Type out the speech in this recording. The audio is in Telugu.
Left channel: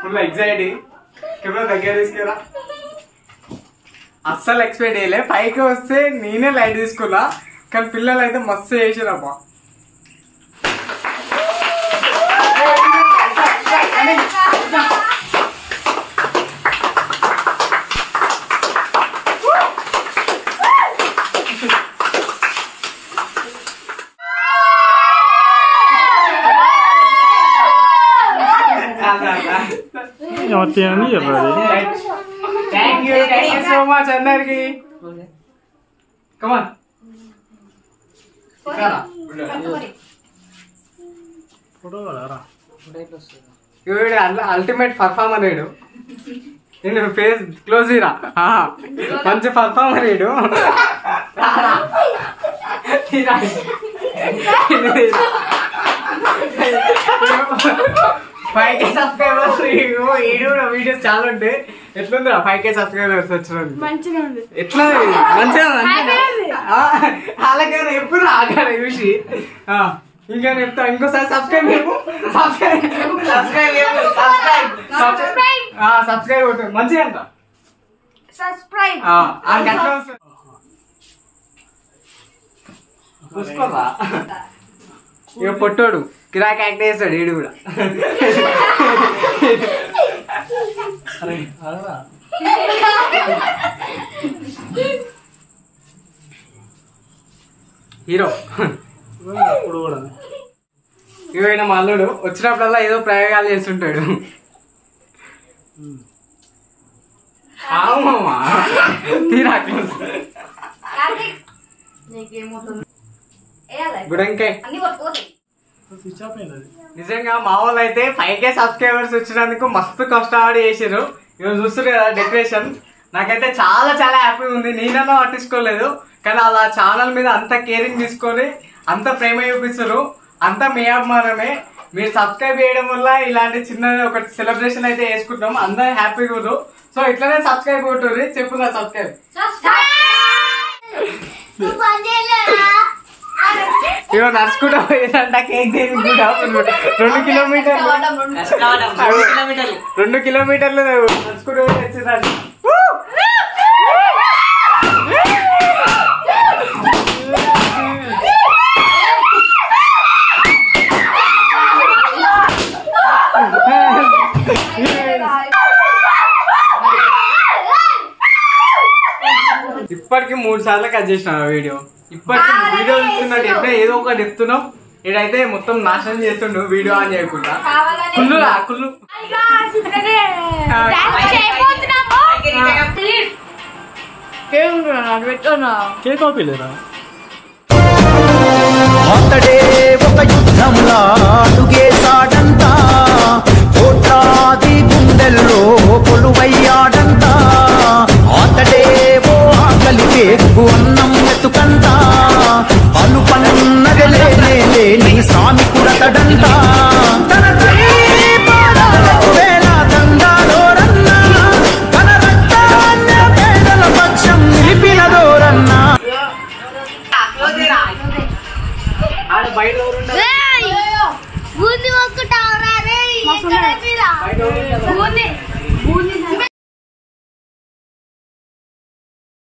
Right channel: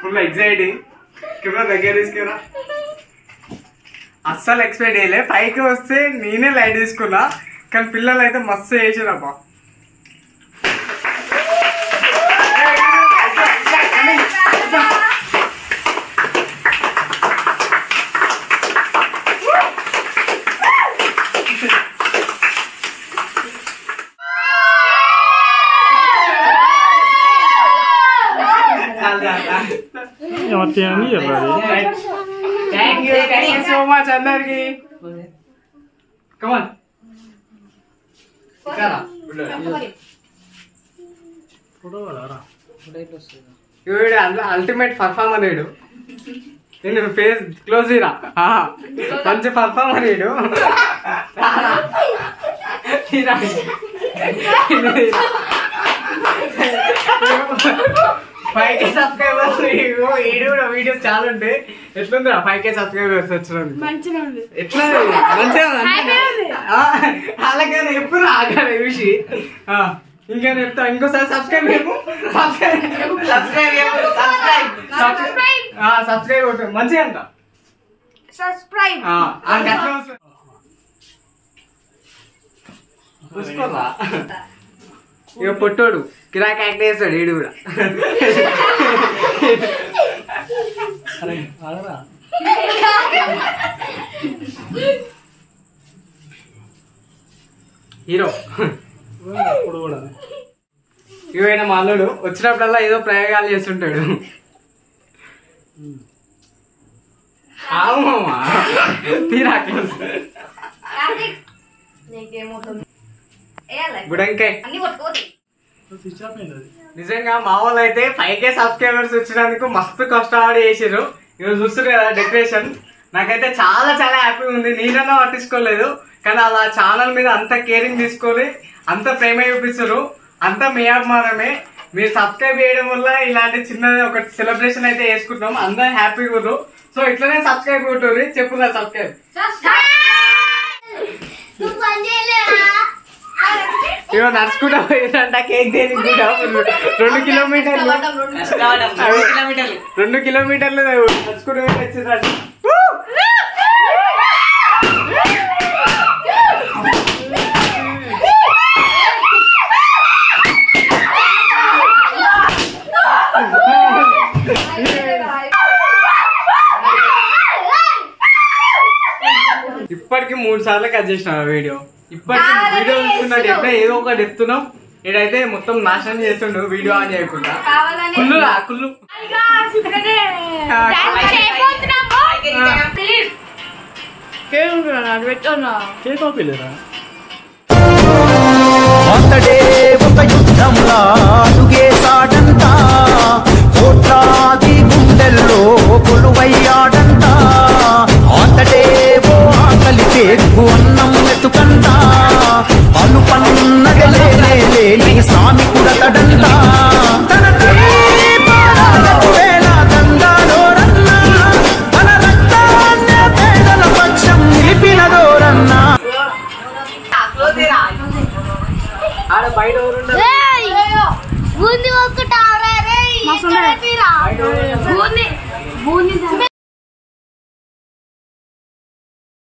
ఫుల్ ఎగ్జైటీ కెమెరా దగ్గర తీసుకురా. అస్సలు ఎక్స్పెక్ట్ చేయలే. పైకి వస్తే నేనే లైట్ తీసుకున్నా, కానీ పిల్లలు అయితే మస్తు చేసిరబ్బా. థ్యాంక్ యూ సో మచ్ అందరికి. కమాన్ అల్టిమేట్ పర్ఫార్మర్ వీడు. నేను ఫేస్ క్లోజ్ ఇరా మంచి పర్ఫార్మర్ వీడు. 5K subscribers. ఈడు కూడా వీడియోస్ చాలా ఉంటాయి. ఎట్లుంది 5K సబ్స్క్రైబర్స్ వచ్చినందుకు? ఎట్లుంది? మంచిగా అలాగైనా ఎప్పుడు ఆగాలి చూసి. ఇంకా చెప్తా ఇంకోసారి సబ్స్క్రైబ్ సబ్స్క్రైబ్ మంచిగా అంట. చూసుకోరా ఇక పొట్టోడు కిరాక్ యాక్ట్ చేస్తాడు ఈడు కూడా. హీరో ఇవైనా మా అల్లుడు వచ్చినప్పుడల్లా ఏదో ప్రయోగాలు చేస్తుంటాడు. ఆమా గుడంకాయ. నిజంగా మా వాళ్ళు అయితే 5K సబ్స్క్రైబర్స్ వచ్చినందుకు మస్తు కష్టపడి చేసారు. ఇవాళ చూస్తారు కదా డెకరేషన్. నాకైతే చాలా చాలా హ్యాపీగా ఉంది. నేనన్నా పట్టించుకోలేదు, కానీ అలా ఛానల్ మీద అంత కేరింగ్ తీసుకొని అంత ప్రేమ చూపిస్తారు. అంతా మీ అభిమానమే. మీరు సబ్స్క్రైబ్ చేయడం వల్ల ఇలాంటి చిన్న ఒక సెలబ్రేషన్ అయితే చేసుకుంటాం. అందరూ హ్యాపీగా ఉన్నారు. సో ఇట్లనే సబ్స్క్రైబ్ కొట్టుర్రి. చెప్పురా సబ్స్క్రైబ్. ఇవో నడుచుకుంటా పోయేదంట కేక్ తినుకుంటా 2 కిలోమీటర్లు నడుచుకుంటూ వచ్చిందంట. ఇప్పటికి 3 సార్లు కట్ చేసిన వీడియో. ఇప్పటికి వీడియో చూస్తున్నట్టు ఎప్పుడే ఏదో ఒకటి చెప్తున్నాం. ఇడైతే మొత్తం నాశనం చేస్తుండు వీడియో ఆన్ చేయకుండా. కుళ్ళు అతడే ఒక యుద్ధంలా అడుగేశాడంట, కోట్లాది గుండెల్లో కొలువయ్యాడంట. అతడే ఓ ఆకలి పేగు అన్నం ఎత్తుకంట, అలుపన్నది లేని శ్రామికుడతడంట. తన తల్లి పాదాలకు వేల దండాలోరన్నా, తన రక్తాన్ని పేదల పక్షం నిలిపినదోరన్నా. బూందీ